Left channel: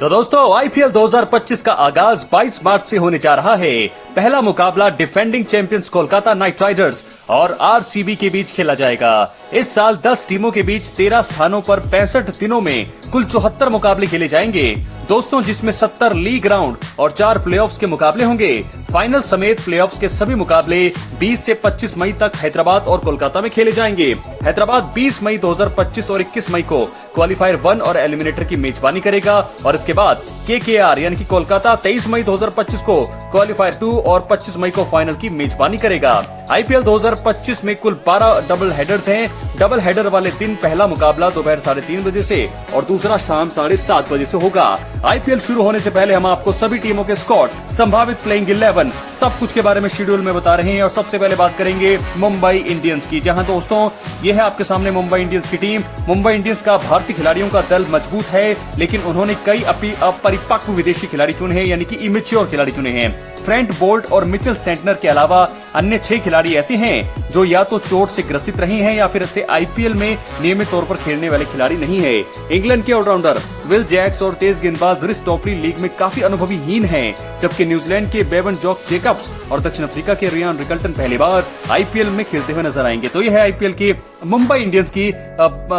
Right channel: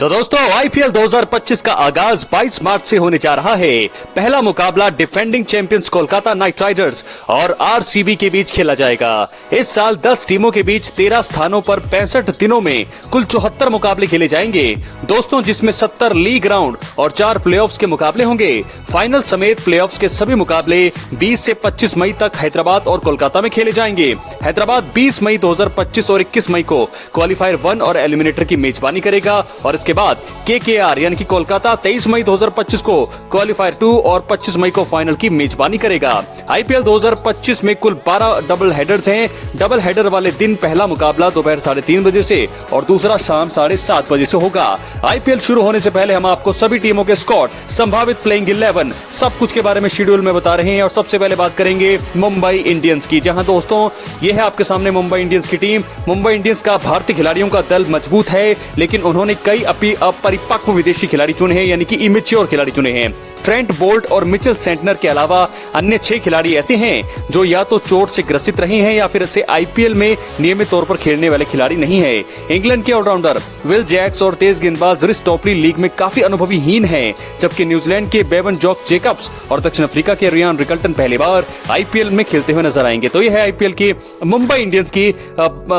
तो दोस्तों आईपीएल 2025 का आगाज 22 मार्च से होने जा रहा है। पहला मुकाबला defending champions Kolkata Knight Riders और आरसीबी के बीच खेला जाएगा। इस साल 10 टीमों के बीच 13 स्थानों पर 65 दिनों में कुल 74 मुकाबले खेले जाएंगे दोस्तों, जिसमें 70 लीग राउंड और 4 प्लेऑफ्स के मुकाबले होंगे। फाइनल समेत प्लेऑफ्स के सभी मुकाबले 20 से 25 मई तक हैदराबाद और कोलकाता में खेले जाएंगे। हैदराबाद 20 मई 2025 और 21 मई को क्वालिफायर 1 और एलिमिनेटर की मेजबानी करेगा और के बाद केकेआर यानी कि कोलकाता 23 मई 2025 को क्वालिफायर 2 और 25 मई को फाइनल की मेजबानी करेगा। आईपीएल 2025 में कुल 12 डबल हेडर्स हैं। डबल हेडर वाले दिन पहला मुकाबला दोपहर 3:30 बजे से और दूसरा शाम 7:30 बजे से होगा। आईपीएल शुरू होने से पहले हम आपको सभी टीमों के स्क्वाड, संभावित प्लेइंग 11, सब कुछ के बारे में शेड्यूल में बता रहे हैं। और सबसे पहले बात करेंगे मुंबई इंडियंस की, जहां दोस्तों ये है आपके सामने मुंबई इंडियंस की टीम। मुंबई इंडियंस का भारतीय खिलाड़ियों का दल मजबूत है, लेकिन उन्होंने कई अपरिपक्व विदेशी खिलाड़ी चुने हैं, यानी कि इमेच्योर खिलाड़ी चुने हैं। ट्रेंट बोल्ट और मिचेल सेंटनर के अलावा अन्य 6 खिलाड़ी ऐसे हैं जो या तो चोट से ग्रसित रहे हैं या फिर ऐसे आईपीएल में नियमित तौर पर खेलने वाले खिलाड़ी नहीं है। इंग्लैंड के ऑलराउंडर विल जैक्स और तेज गेंदबाज रिस टॉपली लीग में काफी अनुभवीहीन हैं, जबकि न्यूजीलैंड के बेवन जॉक जेकब्स और दक्षिण अफ्रीका के रियान रिकल्टन पहली बार आईपीएल में खेलते हुए नजर आएंगे। तो यह है आईपीएल की मुंबई इंडियंस की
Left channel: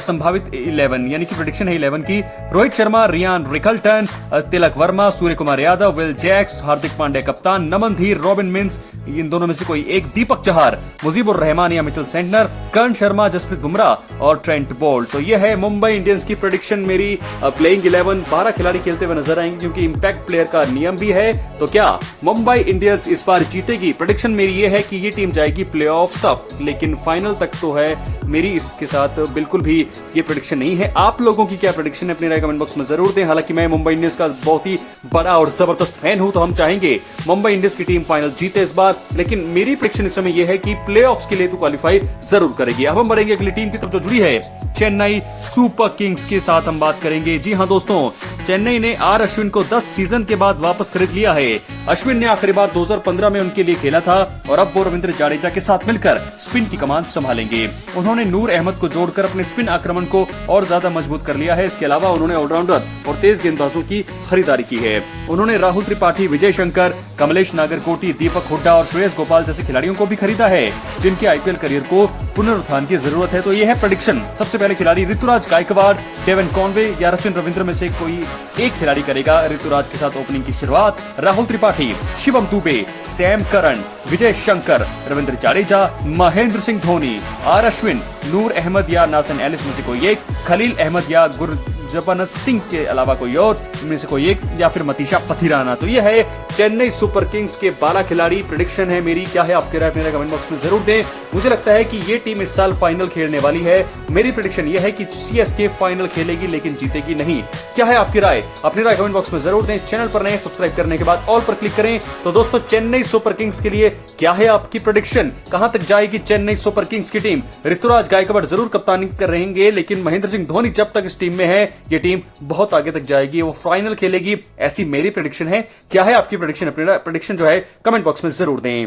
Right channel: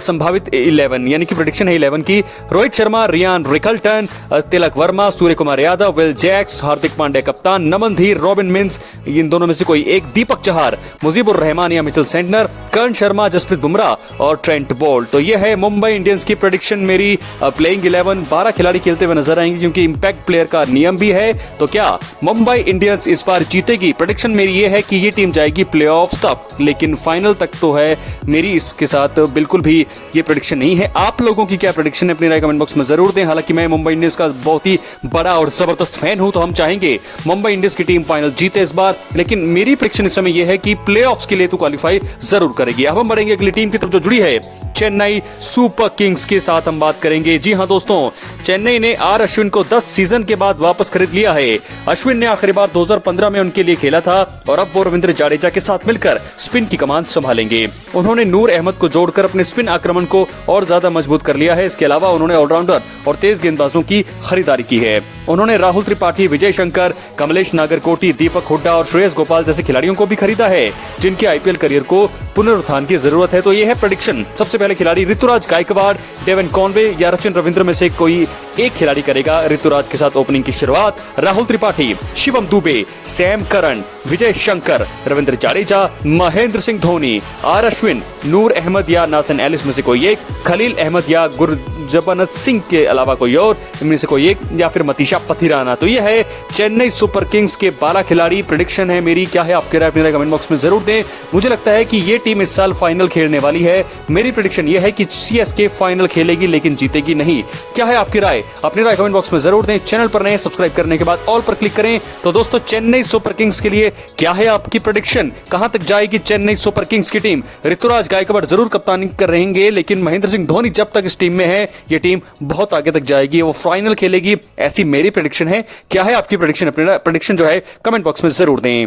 संभावित 11 यानी कि प्रेडिक्शन है 11 की। Rohit Sharma, Ryan Rickelton, Tilak Varma, Surya Kumar Yadav, Will Jacks, Hardik Pandya कप्तान, नमन धीर, रॉबिन मिंस, इन दोनों में से कोई एक, दीपक चहर, मुजीबुर रहमान या मिचेल सेंटनर, कर्ण शर्मा, जसप्रीत बुमराह और ट्रेंट बोल्ट। तो यह है मुंबई इंडियंस की प्रेडिक्शन। मेरी प्लेइंग 11 12 खिलाड़ी खेलते हुए नजर आएंगे, क्योंकि इंपैक्ट प्लेयर का नियम भी है। तो क्या मुंबई इंडियंस इस बार जीतेगी? प्रेडिक्शन मेरी ये है कि ये टीम जाएगी प्लेऑफ तक, लेकिन फाइनल तक तो है मेरी इसके साथ बिल्कुल भी ये प्रेडिक्शन नहीं है। आप लोगों की क्या प्रेडिक्शन है? अपनी राय कमेंट बॉक्स में जरूर दें। हालांकि मैं मुंबई इंडियंस का बहुत ही बड़ा और जबरदस्त फैन हूं, तो हम चाहेंगे मुंबई इंडियंस की टीम फाइनल जीते इस बार, लेकिन मेरी प्रेडिक्शन इस समय यह है कि प्लेऑफ्स के लिए तो क्वालिफाई जरूर करेगी। अब हम बढ़ेंगे अगली टीम की तरफ जो जुड़ी है चेन्नई सुपर किंग्स के साथ हम बात करेंगे। जी हां दोस्तों, चेन्नई ने आर अश्विन को 10 सीजन के बाद वापस खरीद लिया है। अश्विन ने आखिरी बार 2015 में उनके लिए खेला था और अब वो रविंद्र जडेजा के साथ मिलकर स्पिन की कमान संभालेंगे। उन्होंने नूर अहमद को जोड़कर अपने स्पिन आक्रमण को और ज्यादा मजबूत कर लिया है। इसके अलावा उन्होंने ऑलराउंडर और तेज गेंदबाजों की खरीदारी की है। उन्होंने राहुल त्रिपाठी, विजय शंकर, कमलेश नागरकोटी, दीपक हुड्डा और श्रेयस गोपाल जैसे खिलाड़ियों को भी खरीदा है, जिनके आईपीएल करियर को पुनरुत्थान की जरूरत है। तो यह है प्रेडिक्शन। सबसे पहले खिलाड़ी ऋतुराज गायकवाड़, डेवन कॉनवे या रचिन रविंद्र में से कोई एक खिलाड़ी करेगा ऋतुराज के साथ ओपनिंग की शुरुआत। Rahul Tripathi, Shivam Dube, Sam Curran, Vijay Shankar, Ravindra Jadeja, Mahendra Singh Dhoni, R Ashwin, Noor Ahmad या नाथन एलिस में से कोई एक, खलील अहमद या गुरजबनत सिंह के अलावा कोई और, इनमें से कोई एक, या फिर मतीशा पथिराना। तो यह है चेन्नई सुपर किंग्स के 12 खिलाड़ी। प्रेडिक्शन है मेरी। क्या है आपके राय? अपनी राय कमेंट बॉक्स में जरूर दें। मुझे लगता है कि ये टीम इस साल फाइनल खेलने वाली है। मेरी प्रेडिक्शन यह है कि सीएसके फाइनल खेलेगी लेकिन जीतेगी नहीं। क्या है आपकी राय? अपनी राय कमेंट बॉक्स में जरूर दें। चैनल पर नए सब्सक्राइब करने के बाद ऑल पर क्लिक करें। तो दोस्तों, चेन्नई सुपर किंग्स के लिए क्या है आपकी प्रेडिक्शन? कहां तक जाएगी चेन्नई सुपर किंग्स की टीम? ऋतुराज गायकवाड़ जरूर कप्तानी कर रहेंगे, लेकिन महेंद्र सिंह धोनी जब तक इस टीम में है, ये टीम बहुत आगे तक जाएगी, वो फाइनल खेलेगी, ऐसी मेरी प्रेडिक्शन है। क्या है आपकी प्रेडिक्शन? अपनी प्रेडिक्शन जो है कमेंट बॉक्स में जरूर दें।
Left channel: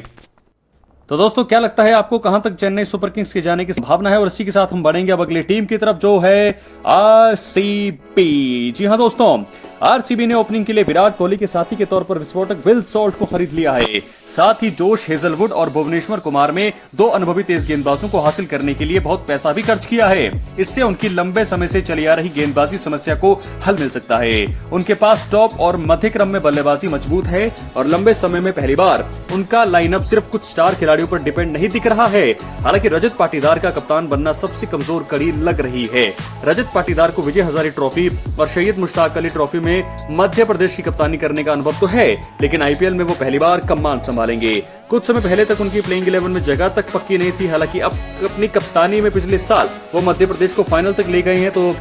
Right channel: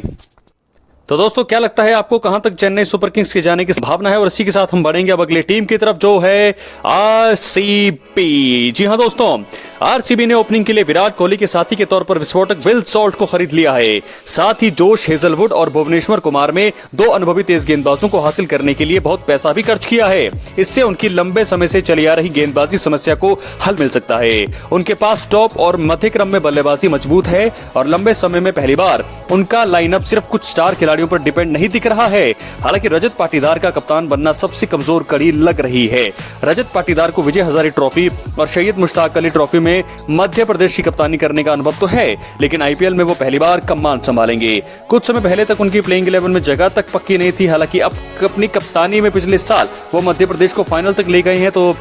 तो दोस्तों, क्या लगता है आपको कहां तक चेन्नई सुपर किंग्स के जाने की संभावना है? और इसी के साथ हम बढ़ेंगे अब अगली टीम की तरफ जो है आरसीबी। जी हां दोस्तों, आरसीबी ने ओपनिंग के लिए विराट कोहली के साथी के तौर पर विस्फोटक विल सॉल्ट को खरीद लिया है। साथ ही जोश हेजलवुड और भुवनेश्वर कुमार में 2 अनुभवी तेज गेंदबाजों को हासिल करने के लिए बहुत पैसा भी खर्च किया है। इससे उनकी लंबे समय से चली आ रही गेंदबाजी समस्या को हल मिल सकता है। उनके पास टॉप और मध्य क्रम में बल्लेबाजी मजबूत है और लंबे समय में पहली बार उनका लाइनअप सिर्फ कुछ स्टार खिलाड़ियों पर डिपेंड नहीं दिख रहा है। हालांकि रजत पाटीदार का कप्तान बनना सबसे कमजोर कड़ी लग रही है। रजत पाटीदार को विजय हजारे ट्रॉफी और सैयद मुश्ताक अली ट्रॉफी में मध्य प्रदेश की कप्तानी करने का अनुभव तो है, लेकिन आईपीएल में वो पहली बार कमान संभालेंगे। कुछ समय पहले तक उनकी प्लेइंग 11 में जगह तक पक्की नहीं थी। हालांकि अब अपनी कप्तानी में पिछले साल वो मध्य प्रदेश को फाइनल तक ले गए हैं। तो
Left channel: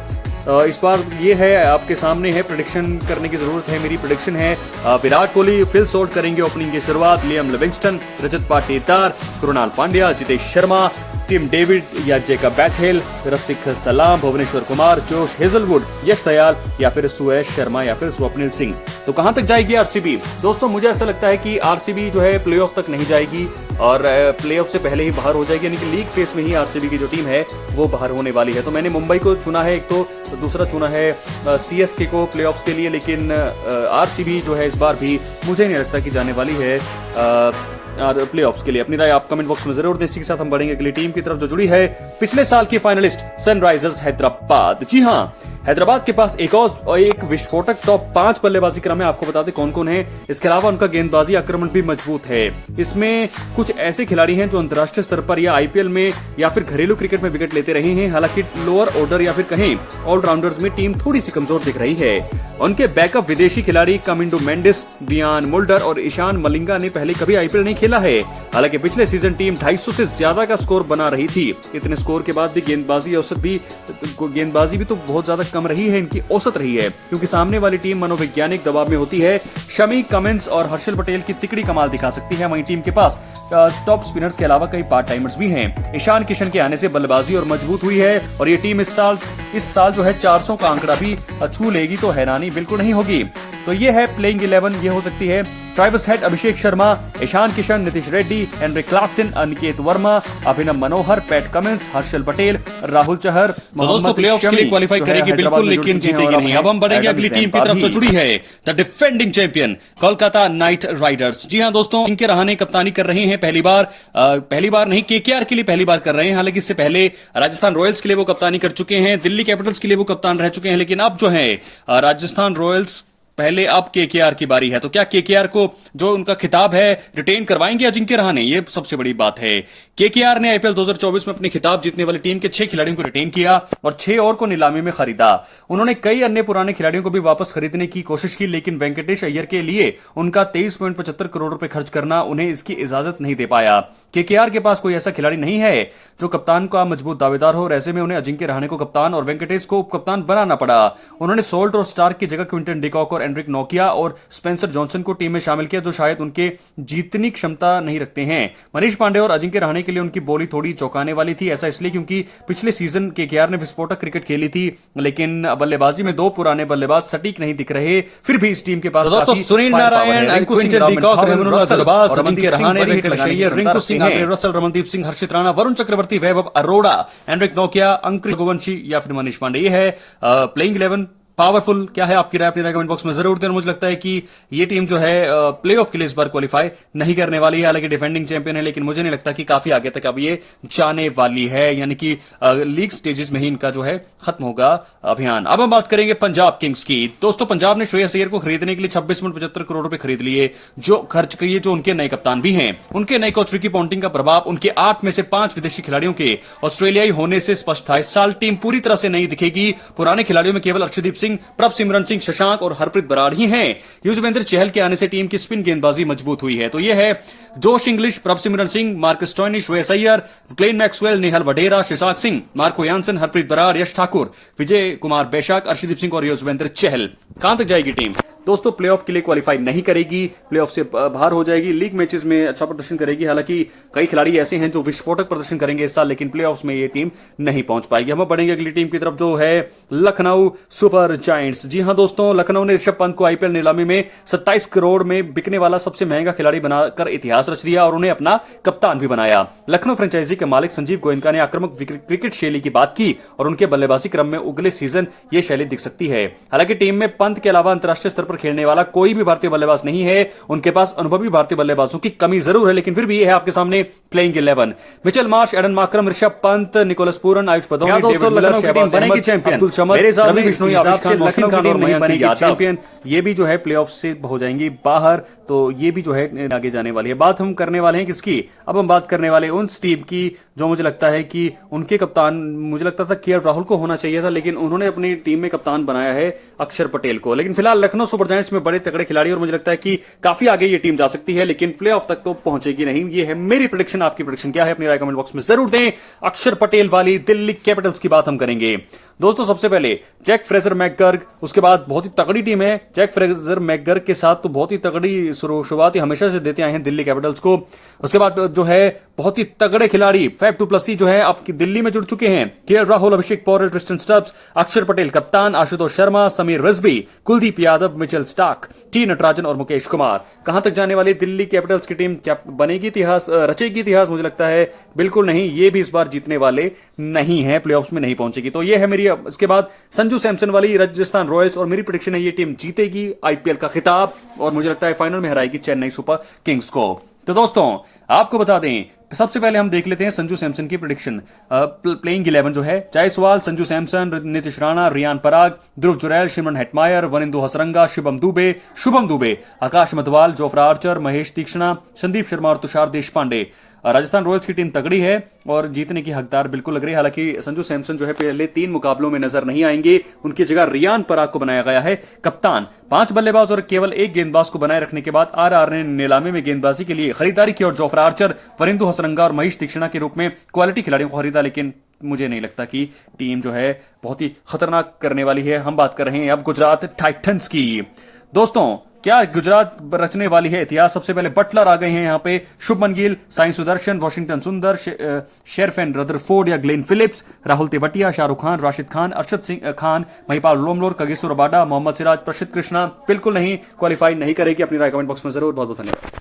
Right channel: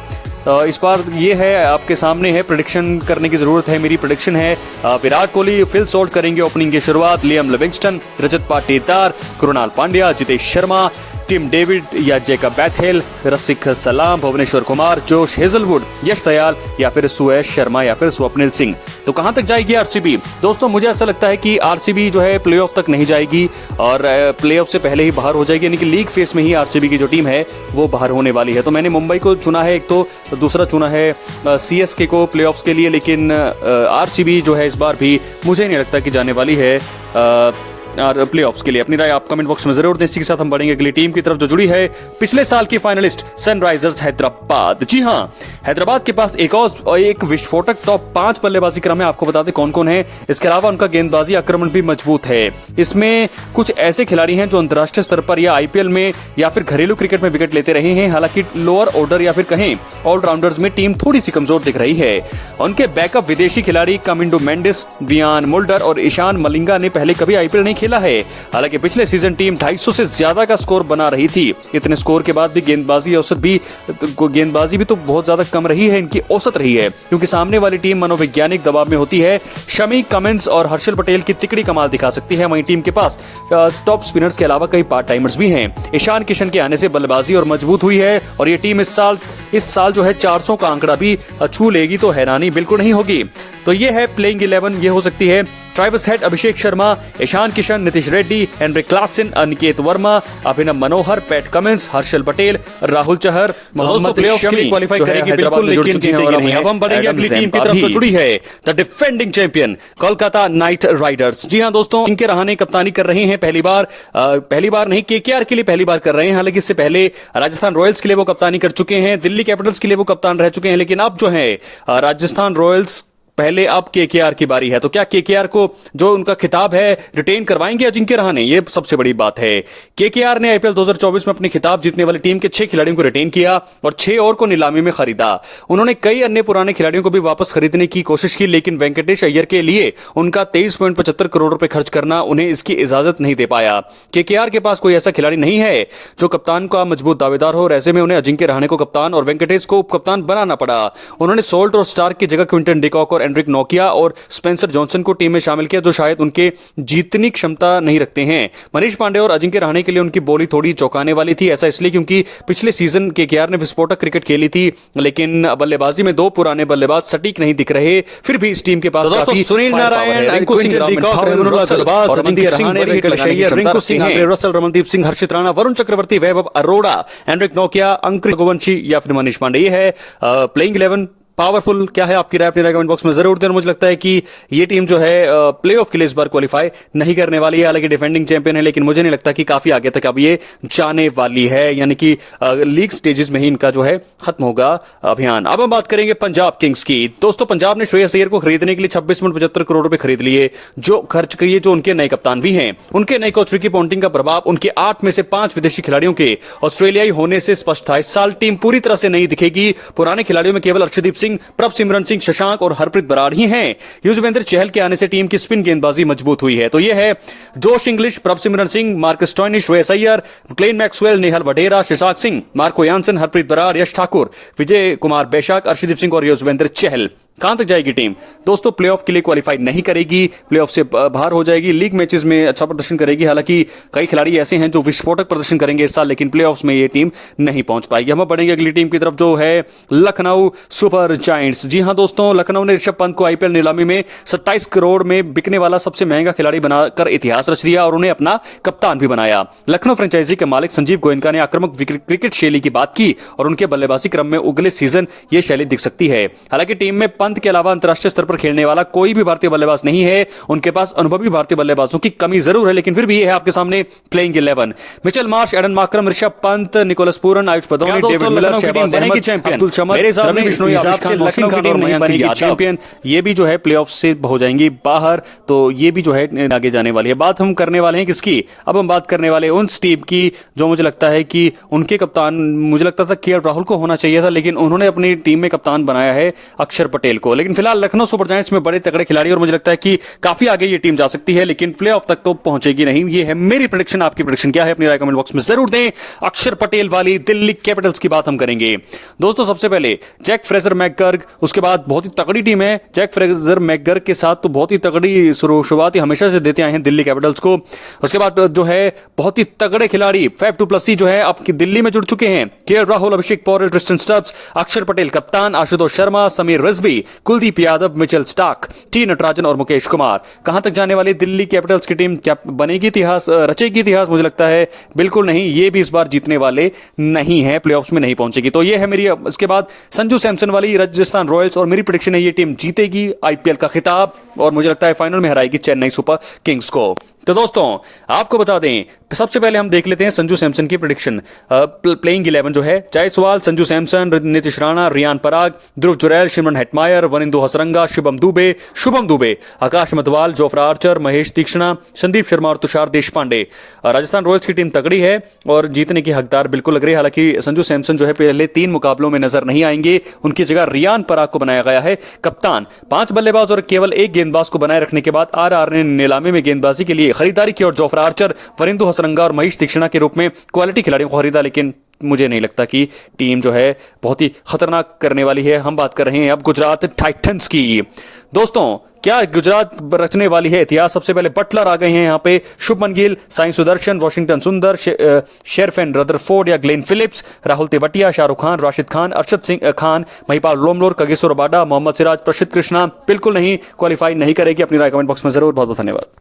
इस बार ये है आपके सामने है, प्रेडिक्शन करने की जरूरत है। मेरी प्रेडिक्शन है विराट कोहली फिल सॉल्ट करेंगे ओपनिंग की शुरुआत। Liam Livingstone, Rajat Patidar, Krunal Pandya, Jitesh Sharma, Tim David या जेकब बैथेल, रसिक सलाम, भुवनेश्वर कुमार, जोश हेजलवुड, यश दयाल या फिर सुयश शर्मा या फिर स्वप्निल सिंह। तो कहां तक जाएगी आरसीबी? दोस्तों, मुझे ऐसा लगता है कि आरसीबी जो है प्लेऑफ तक नहीं जाएगी और प्लेऑफ से पहले ही बाहर हो जाएगी, यानी कि लीग फेस में ही आरसीबी की जो टीम है वो बाहर होने वाली है। तो मैंने मुंबई को चुना है एक तो दूसरा चुना है CSK को प्लेऑफ्स के लिए, लेकिन RCB जो है इस बार भी मुझे नहीं लगता कि जाने वाली है और प्लेऑफ्स के लिए। अपनी राय आप कमेंट बॉक्स में जरूर दें। इसी के साथ हम बढ़ेंगे अगली टीम की तरफ जो जुड़ी है पिछले साल की फाइनलिस्ट सनराइजर्स हैदराबाद। जी हां, हैदराबाद के पास एक विस्फोटक टॉप 5 बल्लेबाजी क्रम है। आपको बता दें कौन कौन है। इसके अलावा उनका गेंदबाजी आक्रमण भी मजबूत है। इसमें कुछ ऐसे खिलाड़ी हैं जो अंतर्राष्ट्रीय स्तर पर या IPL में या फिर घरेलू क्रिकेट में विकेट लेते रहे हैं। हालांकि लोअर ऑर्डर या फिर कहें ऑलराउंडर्स में टीम थोड़ी सी कमजोर दिख रही है। उनके बैकअप विदेशी खिलाड़ी कमिंडो मेंडिस, वियान मुल्डर और ईशान मलिंगा ने पहले कभी IPL नहीं खेला है। हालांकि पिछले सीजन टीम 250 से ज्यादा का स्कोर बना रही थी। इतने स्कोर के बाद भी गेंदबाजी भी तो बहुत ज्यादा कम रही है, इनकी औसत रही है, क्योंकि सामने वाली टीम मनोवैज्ञानिक दबाव में होती है। शमी, कमिंस और हर्षल पटेल की तिकड़ी कमाल दिखा सकती है। वहीं टीम के पास टॉप स्पिनर्स के अलावा कई पार्ट टाइमर्स भी हैं। ईशान किशन के आने से बल्लेबाजी और मजबूत हुई है और ये टीम इस साल जो है 400 का आंकड़ा भी छू लेगी तो हैरानी बिल्कुल नहीं होगी। तो ये है प्लेइंग 11। ये हो सकती है Travis Head, Abhishek Sharma, Ishan Kishan, Nitish Reddy, Heinrich Klaasen, Aniket Verma, Abhinav Manohar, Pat Cummins, Harshal Patel, Rahul Chahar, Mohammed Shami qualify करेगी बिल्कुल, लेकिन जीतेगी नहीं। अब हम बढ़ेंगे अगली टीम की तरफ जो जुड़ी है the defending champion Kolkata Knight Riders. जी हां दोस्तों, इनके रहाणे कप्तानी कर रहे हैं पहली बार नहीं, KKR के लिए पहली बार कर रहे हैं। हालांकि इससे पहले राजस्थान रॉयल्स के लिए वो कप्तानी कर चुके हैं, दिल्ली कैपिटल्स के लिए वो कप्तान रह चुके हैं, लेकिन अब जो है राजस्थान रॉयल्स पहले अब KKR की बारी है। तो क्या KKR को जो उनका खिताब है रिटेन करवाएंगे अजिंक्य रहाणे? ये सबसे बड़ी बात है। KKR ने IPL 2024 में अपनी खिताब जीतने वाली टीम के 6 खिलाड़ियों को रिटेन किया और 6 और को नीलामी में खरीदा। उन्होंने कई अन्य पुराने खिलाड़ियों को भी वापस खरीदने की कोशिश की, लेकिन वेंकटेश अय्यर के लिए उनका 23.75 करोड़ रुपए खर्च करना उन्हें इसकी इजाजत नहीं दे पाया। KKR के पास कोई ऐसा खिलाड़ी नहीं है जो कप्तान का मजबूत दावेदार हो। ऐसे में उन्हें अजिंक्य रहाणे को कप्तान और वेंकटेश को उप कप्तान बनाना पड़ा। उन्होंने सोल्ट और स्टार्क की जगह क्विंटन डिकॉक और एंड्रिक नोकिया और स्पेंसर जॉनसन को टीम में शामिल किया, जो शायद उनके जीतने की क्षमता नहीं रखते हैं। मनीष पांडे और अजिंक्य रहाणे के लिए उनकी बोली थोड़ी चौंकाने वाली थी। ऐसा इसलिए क्योंकि पिछले सीजन KKR ने विस्फोटक क्रिकेट खेली थी, लेकिन बल्लेबाजी में 2 पुराने बल्लेबाज सटीक नहीं दिख रहे। फिर भी इस टीम के पास काफी सुनील नारायण, रिंकू सिंह, रसल, रमनदीप सिंह, हर्षित राणा, वरुण चक्रवर्ती, वैभव अरोड़ा, एंड्रिक नोकिया, अंकुर रघुवंशी या फिर मनीष पांडे। ये है प्लेइंग 11 पावरफुल। क्या है आपकी राय? अपनी राय कमेंट बॉक्स में जरूर दें। मुझे लगता है कि ये टीम जो है प्लेऑफ के लिए इस बार क्वालिफाई नहीं करने वाली है। हालांकि डिफेंडिंग चैंपियन है, लेकिन मुझे नहीं लगता कि काफी आगे तक अब ये जाने वाली है, यानी कि लीग स्टेजेस में ही इनका जो है खत्म होगा अभियान। अब हम बात करेंगे पंजाब किंग्स की। दोस्तों, पंजाब ने श्रेयस अय्यर को खरीदने के लिए 26.75 करोड़ रुपए खरीद लिए, जो खर्च किए, जो उनके नए कप्तान भी हैं। उनके नए कोच रिकी पॉन्टिंग का प्रभाव उनके 8 में से 5 विदेशी खिलाड़ियों के ऑस्ट्रेलियाई होने से स्पष्ट था। इस साल टीम पूरी तरह से नहीं दिखेगी। पुराने खिलाड़ियों में केवल अर्शदीप सिंह, प्रभसिमरन सिंह, शशांक और हरप्रीत बराड़ ही हैं। युजवेंद्र चहल के आने से टीम की स्पिन गेंदबाजी मजबूत हुई है। तो यह है Josh Inglis, Prabhsimran Singh, Marcus Stoinis, Shreyas Iyer, Glenn Maxwell, Nehal Wadhera, शिशाक सिंह, मार्को यानसन, हरप्रीत बराड़, यश ठाकुर, विजय कुमार बैशाख, अर्शदीप सिंह और युजवेंद्र चहल। कहां तक जाएगी टीम? दोस्तों, प्लेऑफ के लिए क्वालिफाई नहीं करेगी, प्लेऑफ से बाहर हो जाएगी। लीग मैचेस में अच्छा प्रदर्शन करेगी। हालांकि कई खिलाड़ी ऐसे हैं जो विस्फोटक प्रदर्शन करेंगे इस साल, लेकिन प्लेऑफ्स में ये टीम नहीं पहुंच पाएगी। हम बढ़ेंगे अगली टीम की तरफ जो है लखनऊ सुपर जायंट्स। जी हां दोस्तों, लखनऊ ने ऋषभ पंत को IPL नीलामी में 27 करोड़ में बिकने वाला सबसे महंगा खिलाड़ी बनाकर इतिहास रच दिया और उन्हें अपना कप्तान भी बनाया। लखनऊ फ्रेंचाइजी के मालिक संजीव गोयनका ने आक्रामक क्रिकेट शैली की बात की और उनके बल्लेबाजी क्रम में अगले सीजन ये शैली दिख सकती है। हालांकि टीम में पंत के अलावा अंतरराष्ट्रीय स्तर पर खेलने वाला कोई भी भारतीय बल्लेबाज नहीं है। उनके पास अनुभवी भारतीय बल्लेबाजों की कमी जरूर है, लेकिन फिर भी यह है आपके सामने playing 11। Mitchell Marsh, Aiden Markram, Rishabh Pant, Nicholas Pooran, Ayush Badoni, David Miller, Shahbaz Ahmed, Abdul Samad, Ravi Bishnoi, Avesh Khan, Lucknow की टीम नहीं बनेगी चैंपियन। ये भी जो है प्लेऑफ से हो जाएंगी बाहर, तो ये भी जो है आगे जाने वाली है। बात हम करने वाले हैं किसकी? अब हम बात करने वाले उन टीम की जो मुझे लगता है कि उनके कप्तान, मुझे लगता था KL राहुल को होना चाहिए था, लेकिन उन्होंने अपनी टीम में कप्तान बनाया है अक्षर पटेल को। लेकिन फिलहाल लखनऊ सुपर जायंट्स में बड़े तगड़े खिलाड़ी और मुझे लगता है कि काफी आगे ये टीम जा सकती है, लेकिन प्लेऑफ तक तो पहुंचेगी नहीं। ये है मेरी प्रेडिक्शन। आपकी प्रेडिक्शन क्या है? अपनी राय कमेंट बॉक्स में जरूर दें। अक्षर पटेल वाली दिल्ली कैपिटल्स की बात हम करेंगे। दोस्तों, सबसे पहले जैक फ्रेजर मैकगर्ग, उसके बाद बहुत ही तगड़ी टीम है। जैक फ्रेजर मैकगर्ग के साथ तो बहुत ही तगड़ी शुरुआत हमेशा से देते आए हैं दिल्ली कैपिटल्स को। उसके बाद जो है बहुत ही तगड़े खिलाड़ी फैफ डु प्लेसी जो है आपकी दिल्ली में जुड़ चुके हैं। KL राहुल, अभिषेक पौरेल, ट्रिस्टन स्टब्स, अक्षर पटेल कप्तान, Ashutosh Sharma, Sameer Rizvi, Kuldeep Yadav, Mitchell Starc, T Natarajan और मुकेश कुमार। कहां तक जाने वाली दिल्ली कैपिटल्स की टीम? क्या बनेगी इतिहास, रचेगी इतिहास? मुझे लगता है बिल्कुल नहीं, ये भी इस बार जीतने वाले नहीं है, प्लेऑफ्स में नहीं पहुंचेगी। तो ये है मेरी, इसके बाद संजू सैमसन वाली राजस्थान रॉयल्स, और मेरी प्रेडिक्शन है ये टीम जीतेगी आईपीएल का खिताब, और मुझे लगता है फाइनल में हराएगी चेन्नई सुपर किंग्स को। तो दोस्तों आपको बता दें, सबसे पहले हम देख लेते हैं संजू सैमसन की प्रेडिक्शन। प्लेइंग 11 जो है, जायसवाल, संजू सैमसन, नीतीश राणा, रियान पराग, ध्रुव जुरैल, शिमरन हेटमायर, वनिंदु हसरंगा, शुभम दुबे, आकाश मधवाल, जोफ्रा आर्चर, महेश तीक्ष्णा, संदीप शर्मा और तुषार देशपांडे। राजस्थान रॉयल्स की टीम तगड़ी है और जीतने की हकदार बिल्कुल लग रही है। हालांकि संजू सैमसन जो है पहले 3 मुकाबलों में नजर नहीं आएंगे, उनकी जगह रियान पराग को बनाया गया है कप्तान। 5 बल्लेबाज और केवल 1 गेंदबाज को बनाए रखने के बाद आरआर ने नीलामी में गेंदबाजी के लिए खरीदारी की और जोफ्रा आर्चर, वरिंदु हसरंगा और महेश तीक्ष्णा के रूप में क्वालिटी खिलाड़ियों को खरीदा। लेकिन मुझे नहीं लगता कि टीम जो है बहुत ही खतरनाक करने वाली है। हम बात कर रहे हैं अब गुजरात टाइटंस की। दोस्तों क्या गुजरात रचने वाली है इतिहास? सबसे पहले बटलर आ गए हैं यहाँ पे, Shubman Gill, Sai Sudharsan, Washington Sundar, Sherfane Rutherford या Glenn Phillips, Rahul Tewatia, Shahrukh Khan, Rashid Khan, Arshad Singh Khan, Mahipal Lomror, Kagiso Rabada, Mohammed Siraj, Prasidh Krishna. बिल्कुल नहीं, क्वालिफाई नहीं करेगी। अपनी राय कमेंट बॉक्स में जरूर। बहुत बहुत धन्यवाद।